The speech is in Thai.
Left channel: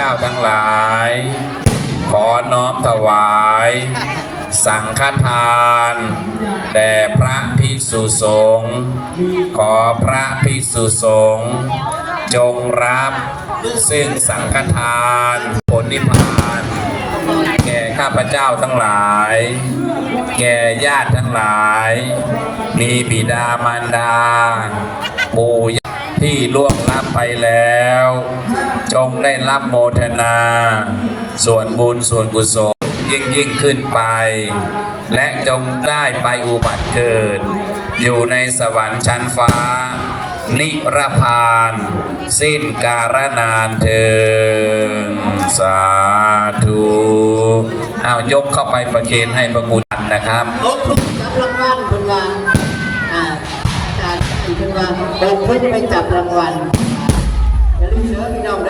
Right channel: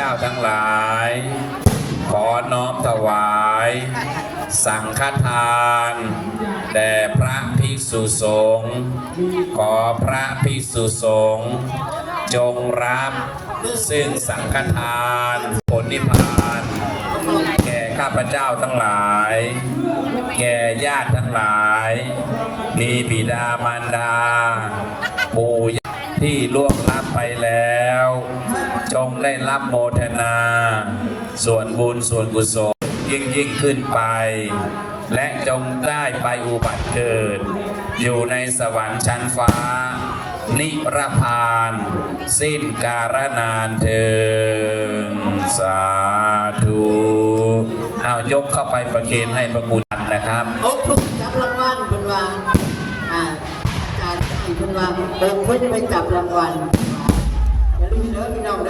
จ้าทั้งหลาย ขอน้อมถวาย สังฆทานแด่พระภิกษุสงฆ์ขอพระภิกษุสงฆ์จงรับซึ่งสังฆทานผลนิพพานแก่ข้าพเจ้าทั้งหลาย แก่ญาติทั้งหลาย มีบิดามารดา ปู่ย่าที่ล่วงลับไปแล้ว จงได้รับโมทนา ส่วนบุญส่วนกุศลยิ่งยิ่งขึ้นไป และจงได้ไปอุบัติเกิด อยู่ในสวรรค์ชั้นฟ้า นิรพาน สิ้นการนานเทินสาธุเอายกเข้าไปประเคนให้ประกุณนะครับโอ้ทุกจับรางวัลเป็นว่าอ่าการเป็นว่าโอ้ทุกไปจับรางวัลอย่าลืมเด้อพี่น้องเด้อมานั่งฟังมา